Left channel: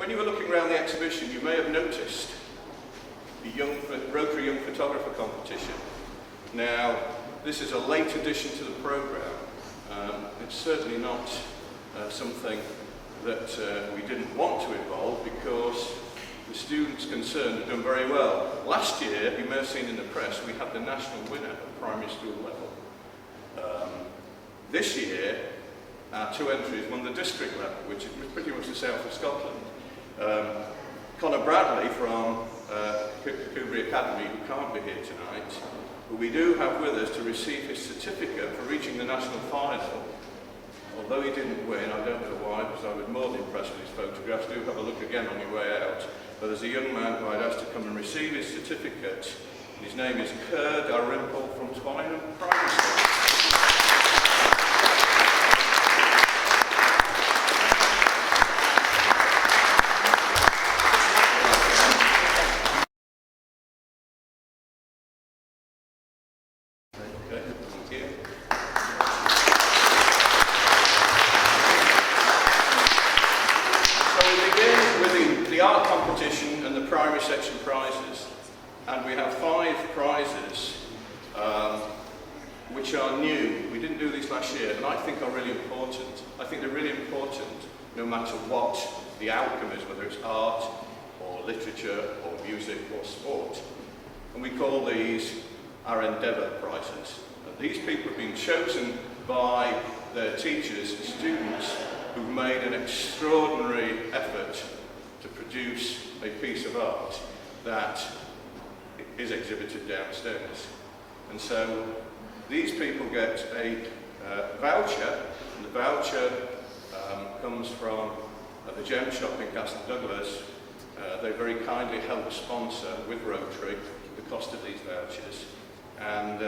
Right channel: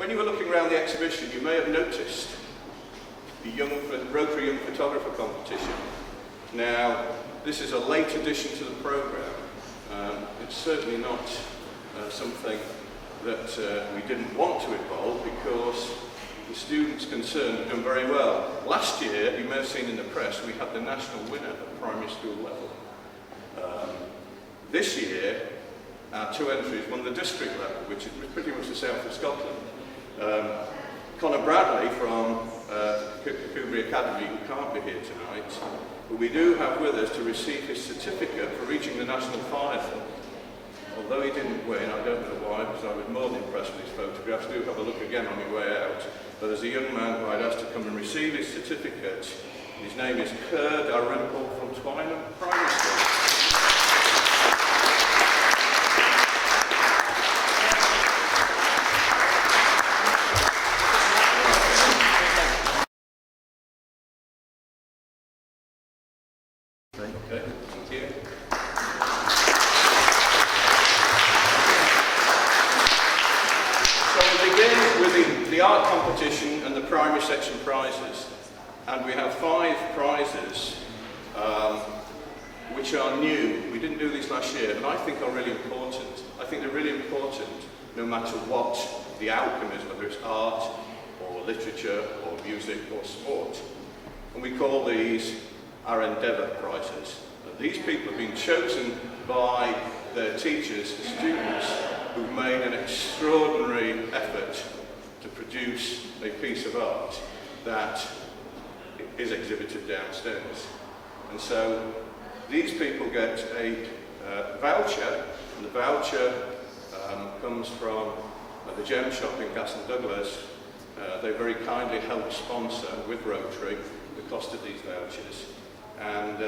When you were looking around the exhibition, you may have noticed the Rotary Young Photographer Competition. Now, this is a late addition to the programme. It's certainly not something that we didn't want to involve, because the students concerned have done very well. Last year, you may have seen in the press, we had the national winner at primary school level. This year, our two entries won the district level, which is pretty much the south of Scotland. Connor Bradley from Kirkcudbright Academy, who can't be here tonight, but we do have with us to receive his certificate for reaching the national final. Although he didn't win, I don't know why, because I was more than impressed with his photographs. Do have a look again on your way out. But there's a young man who I'd asked to come and receive his certificate. His name is Kirkcudbright from Twynham Primary School. Okay, thank you. So we begin with the art competition and the primary section prizes. And we have 5 prizes which are new. We didn't do these last year, and I think are really important. I think they're really important no matter what the outcome is, whether it's art or literature or music or sport. And we call these our Endeavour prizes. And these people have been chosen by their teachers and students who've made an extraordinary effort to produce a piece of art that is exhibited downstairs. And so these people get a voucher, and the voucher comes from the Gem Shop in Castle Douglas. They very kindly helped sponsor with Rotary the cost of these vouchers. And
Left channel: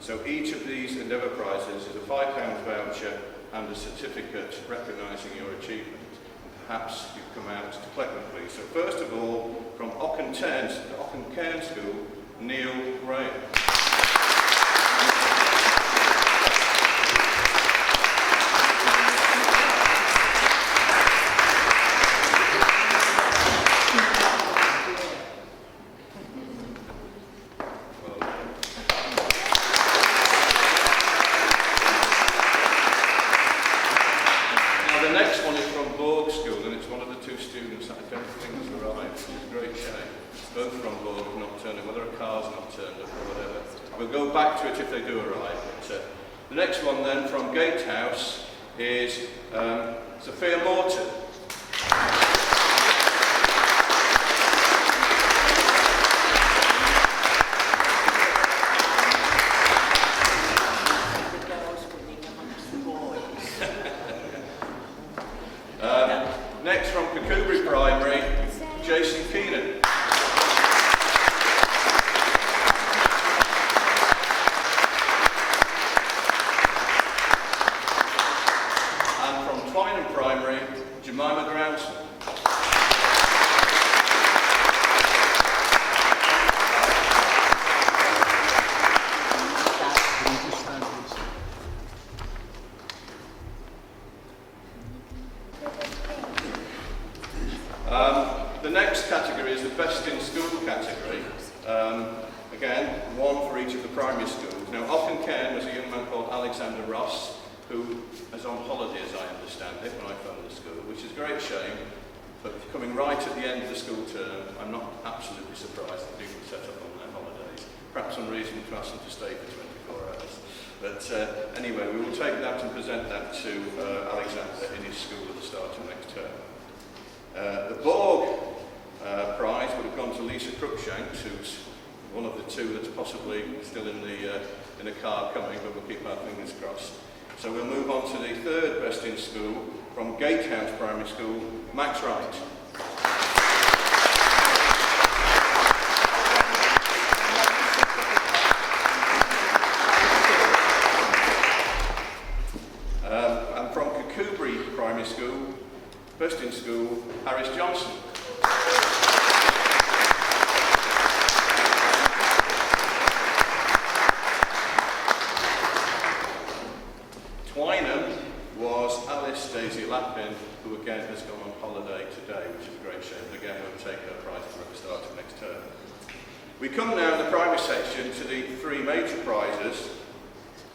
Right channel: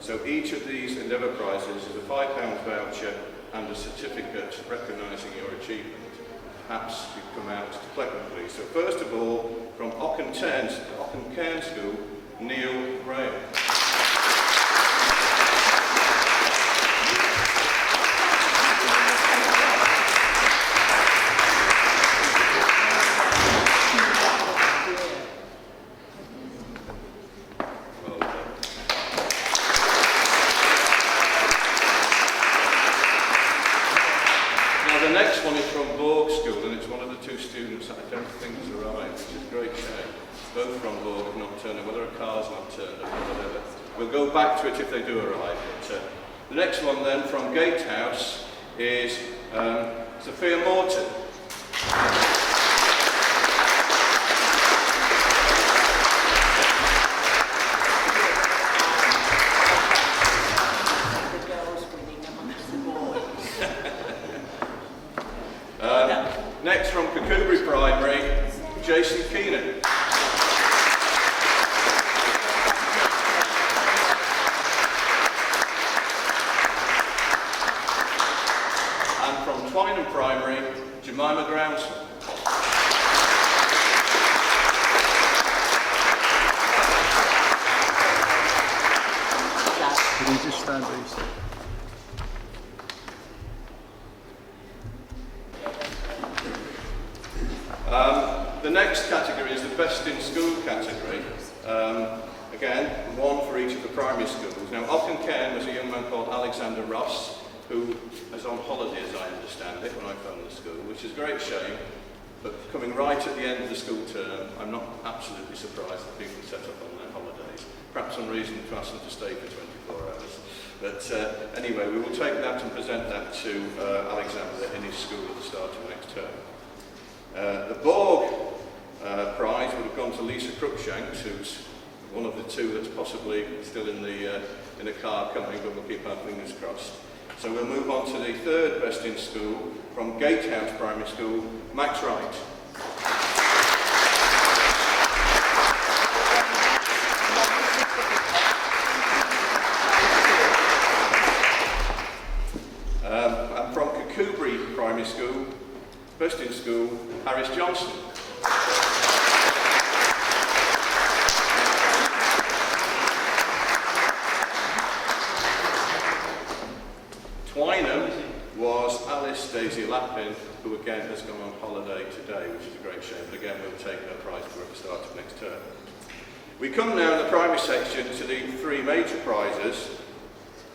so each of these Endeavour prizes is a £5 voucher and a certificate recognising your achievement. Perhaps you've come out to collect them, please. So first of all, from Cairn School, Neil Graham. The next one is from Borg School, and it's one of the 2 students that I don't think has arrived, which is a great shame. Both from Borg have not turned up, whether a car's not turned up or whatever. We'll go back to it if they do arrive. But, the next one then from Gatehouse is Sophia Morton. Next from Kirkcudbright Primary, Jason Keenan. And from Twynham Primary, Jemima Grounson. Can you just stand these? The next category is the Best in School category. Again, 1 for each of the primary schools. Now, Cairn was a young man called Alexander Ross, who is on holiday, as I understand it, when I phoned the school, which is a great shame. But coming right at the end of the school term, I'm not absolutely surprised that people set up on their holidays. Perhaps some reason to ask them to stay for 24 hours. But anyway, we will take that and present that to Alexander in his school at the start of next term. The Borg prize would have gone to Lisa Cruikshanks, who's one of the 2 that's possibly still in the car coming, but we'll keep our fingers crossed. So we'll move on to the 3rd Best in School from Gatehouse Primary School, Max Wright. And from Kirkcudbright Primary School, Best in School, Harris Johnson. Twynham, was Alice Daisy Lappin, who again has gone on holiday today, which is a great shame, but again we'll take her prize for at the start of next term. We come now in the primary section to the three major prizes.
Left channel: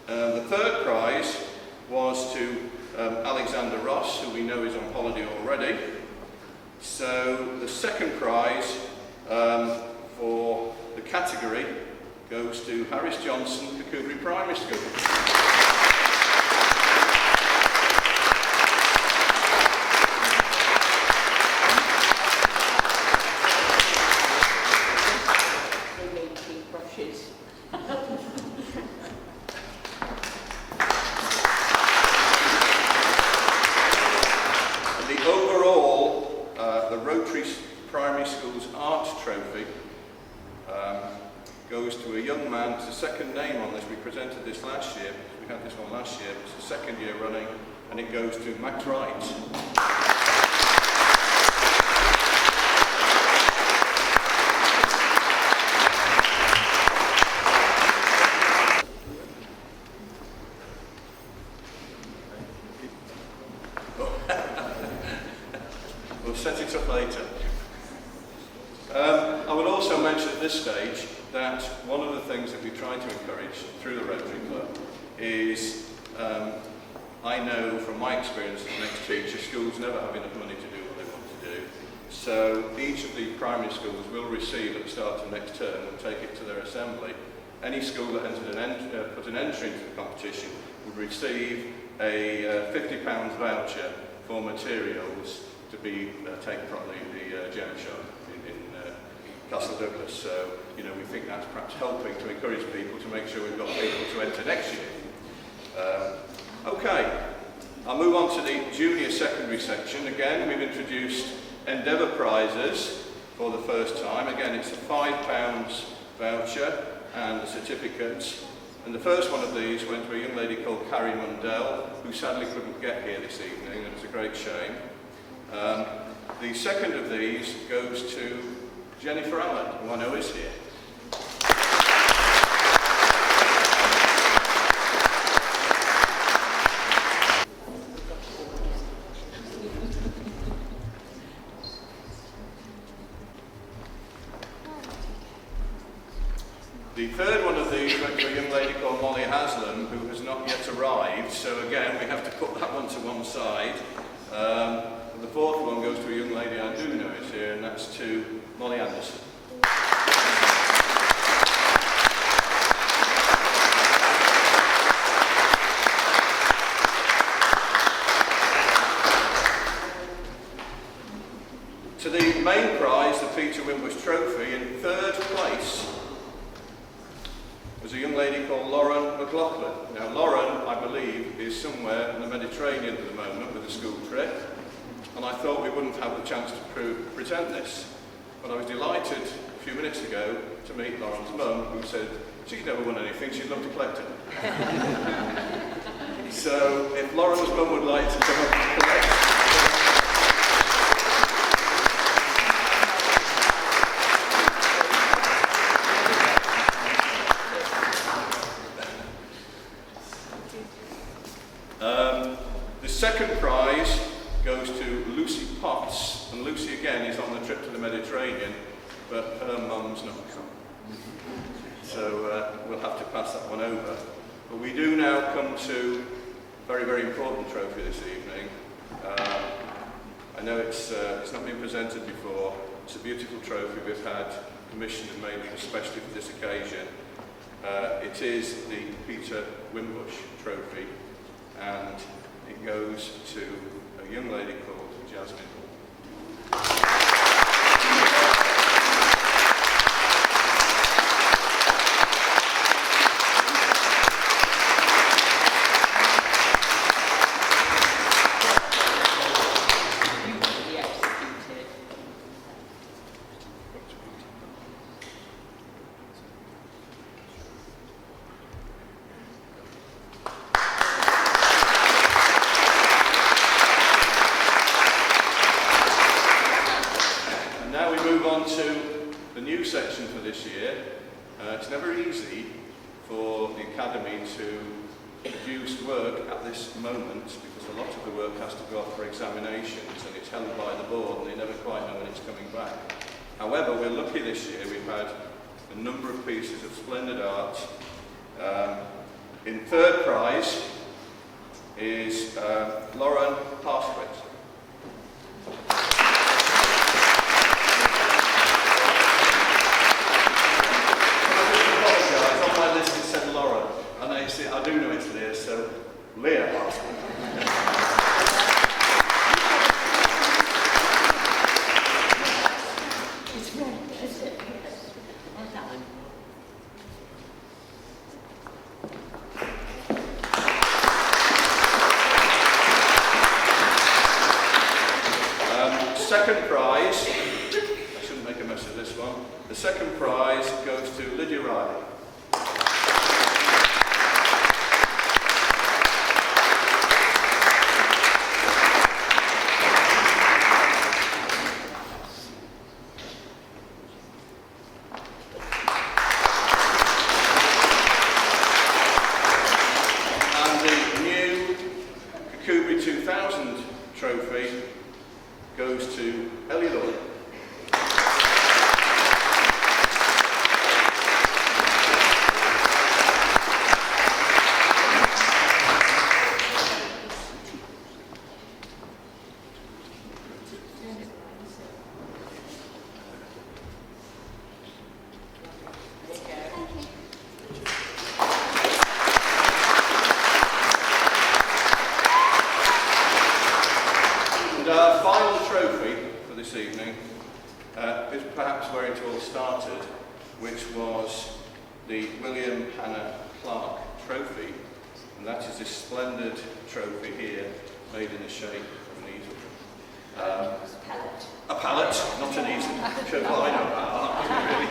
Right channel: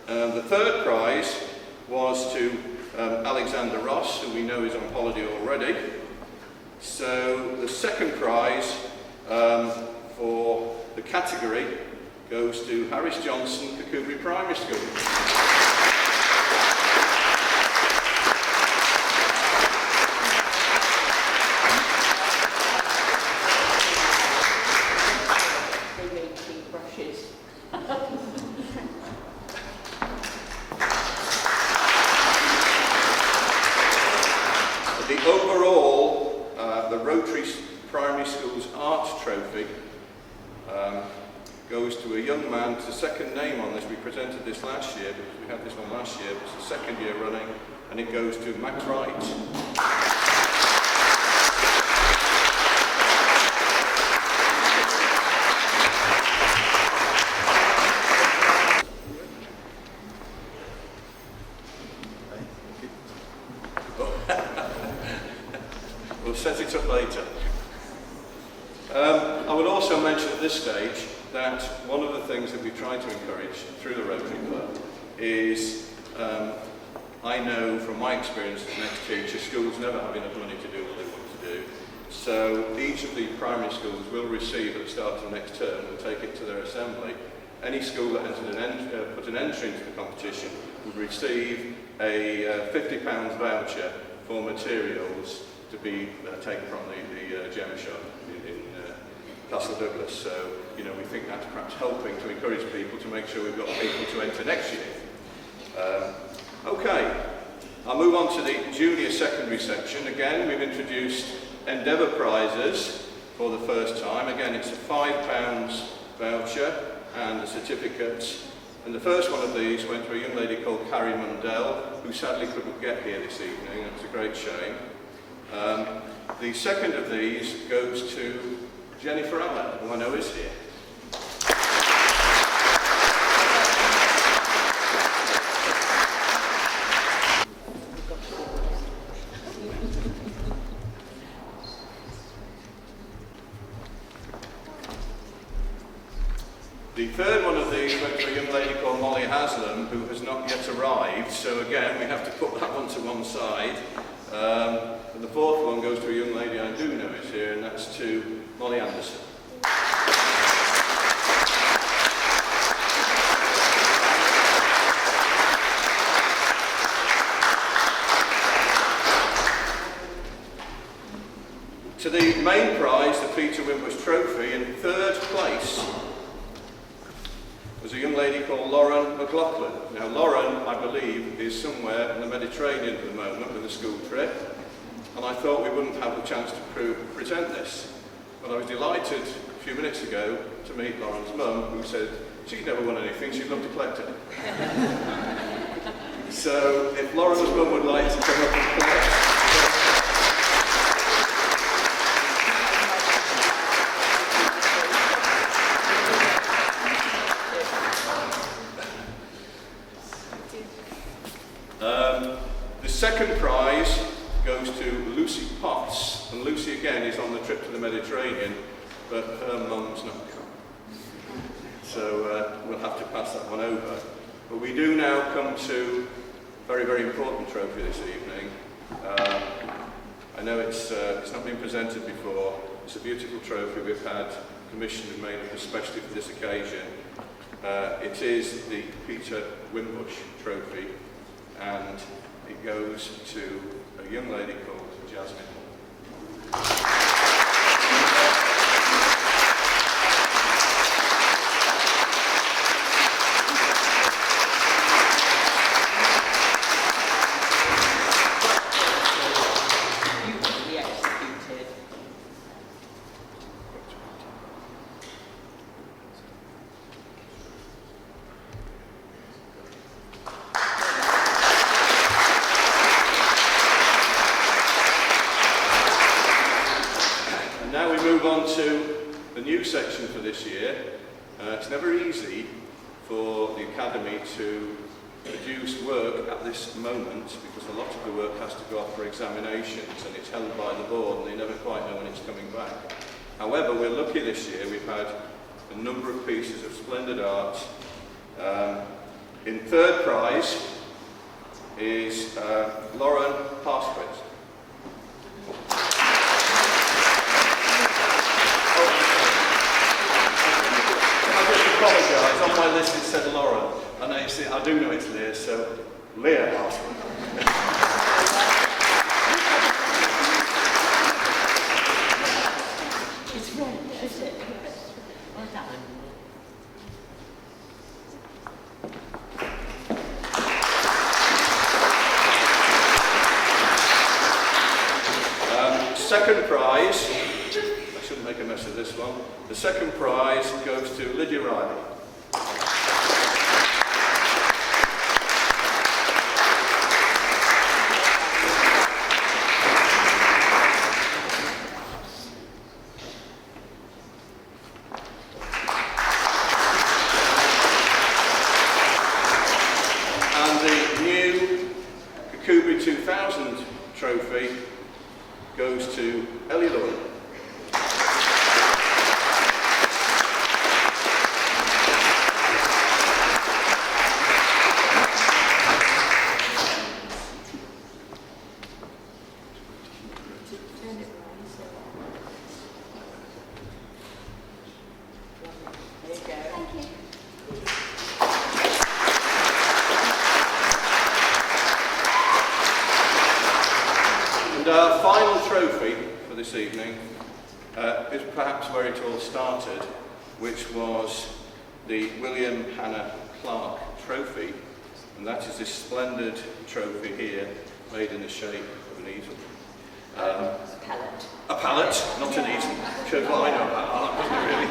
The third prize was to Alexander Ross, who we know is on holiday already. So the second prize for the category goes to Harris Johnson, Kirkcudbright Primary School. They made pink brushes. The overall, the Rotary Primary School's Art Trophy goes to a young man. It's the second name on this. We presented this last year, because we had this one last year. It's the second year running, and it goes to Max Wright. We'll set it up later. I would also mention at this stage that one of the things that we try to encourage through the Rotary Club is, I know from my experience as an ex-teacher, schools never have enough money to do what they want to do. So each of the primary schools will receive at the start of next term and take it to their assembly. Any school that put an entry into the competition would receive a £50 voucher for materials to be taken from the gem shop in Castle Douglas. So, you know, we think that's perhaps helping to encourage people to make sure we've got people to enter next year. Okay, I'll move on to the junior secondary section. Again, we've introduced Endeavour prizes for the first time. Again, it's a £5 voucher and a certificate. And the first one of these went to a young lady called Carrie Mundell, who sadly couldn't get here this evening. It was a great shame. The second of these goes to Jennifer Allen, who I know is here. The third one of these went to a young lady called Molly Haslam, who has not yet arrived, so again we have to put that one to one side. And the fourth one goes to a young lady I do know is here, and that's to Molly Anderson. To the main prize, the Peter Wimbush Trophy, in third place was a young lady called Lauren McLaughlin. Now Lauren, I believe, is somewhere in the Mediterranean at the moment with a school trip, and I thought we wouldn't have the chance to present this. But I was delighted a few minutes ago to meet Lauren's mum, who said she'd never won anything, she'd love to collect it. So if Lauren's mum would like to come up and collect. The second prize goes to Lucy Potts, and Lucy again is on the trip to the Mediterranean, but her mum's not come. So we'll have to pass that one over. But we do now come to a very, very important trophy this evening. I know it's not been presented before. It's a beautiful trophy we've had commissioned and made especially for this occasion. It is the Peter Wimbush Trophy, and it goes to a young lady called Jasmine. Beautifully executed. Now we move on to the new section for this year. It's never easy for the Academy to produce work at this moment, because a lot of the work has to go off for examinations and it's held by the board and they never quite know when it's coming back. However, we're lucky this year, we've had a number of pieces of splendid art. In third prize is Lauren Parsquet. I just apologise, on my list it said Lauren, and I do know it's Leah, so Leah Parsquet. It's French, is it? Yes. Well done. Second prize, I shouldn't make a mess of this one. The second prize goes to Lydia Riley. And the new Kirkcudbright 2000 trophy goes to Ellie Lloyd. Our final trophy for this evening is perhaps where it all started, which was the William Hanna Clarke Trophy, and that is this splendid trophy here, made in the shape of an easel. Palette. A palette, not an easel. Sure, well, I know about that, really.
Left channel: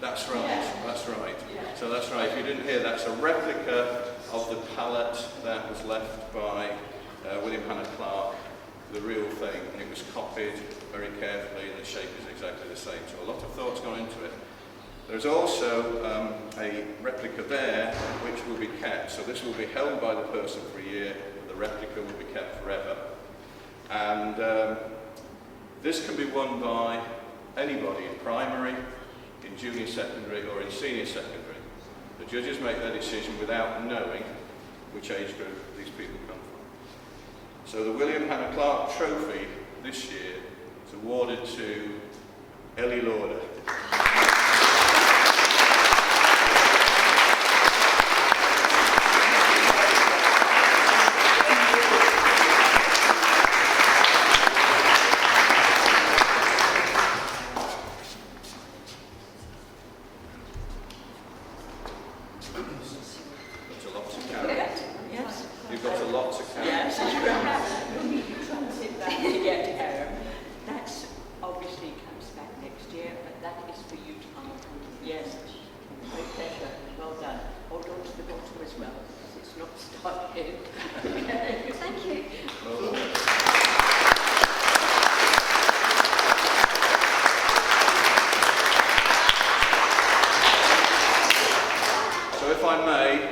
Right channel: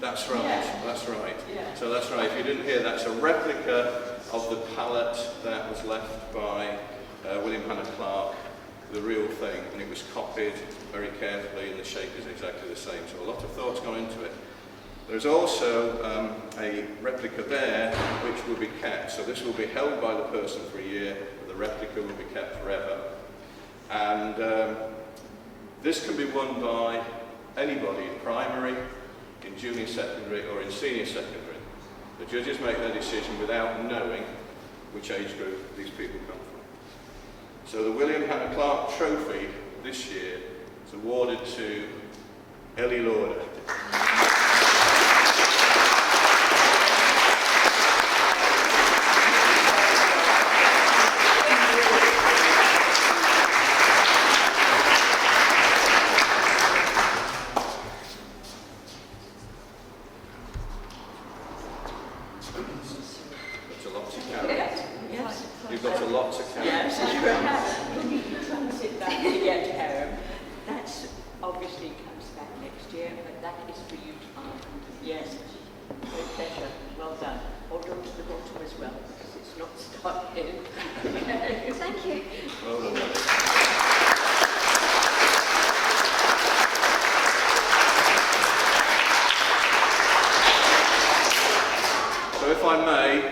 That's right, that's right. So that's right, if you didn't hear, that's a replica of the palette that was left by William Hanna Clarke, the real thing, and it was copied very carefully and the shape is exactly the same, so a lot of thought's gone into it. There's also a replica there which will be kept, so this will be held by the person for a year, but the replica will be kept forever. And this can be won by anybody in primary, in junior secondary or in senior secondary. The judges make their decision without knowing which age group these people come from. So the William Hanna Clarke Trophy this year is awarded to Ellie Lauder. You've got a lot to carry. Yes, when you transit that to get home, that's obviously comes back next year, but that is for you to honor. Yes, great pleasure. Well done. Hold on to the bottom as well, because it's not stuck in. Thank you. Well done. So if I may,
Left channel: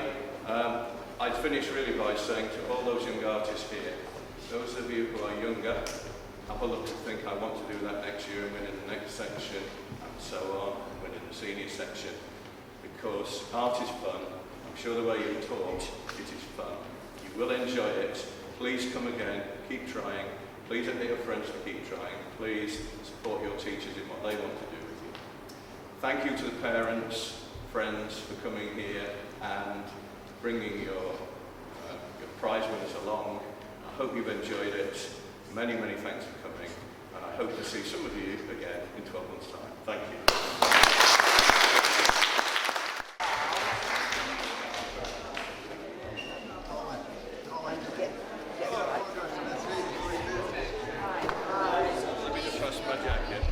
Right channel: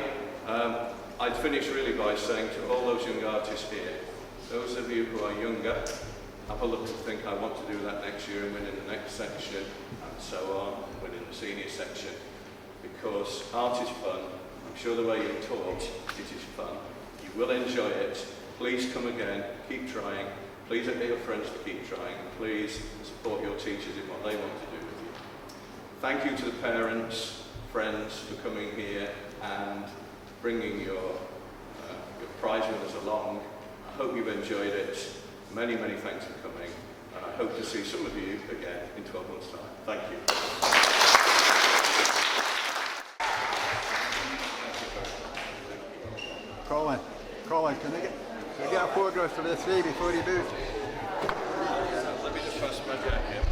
I'd finish really by saying to all those young artists here, those of you who are younger, have a look and think, I want to do that next year and win in the next section, and so on, and win in the senior section, because art is fun. I'm sure the way you're taught, it is fun. You will enjoy it. Please come again, keep trying. Please get your friends to keep trying. Please support your teachers in what they want to do with you. Thank you to the parents, friends for coming here and bringing your prize winners along. I hope you've enjoyed it. Many, many thanks for coming. And I hope to see some of you again in 12 months' time. Thank you. Colin, can you get a photograph for the three before you move? Let me just pass my jacket.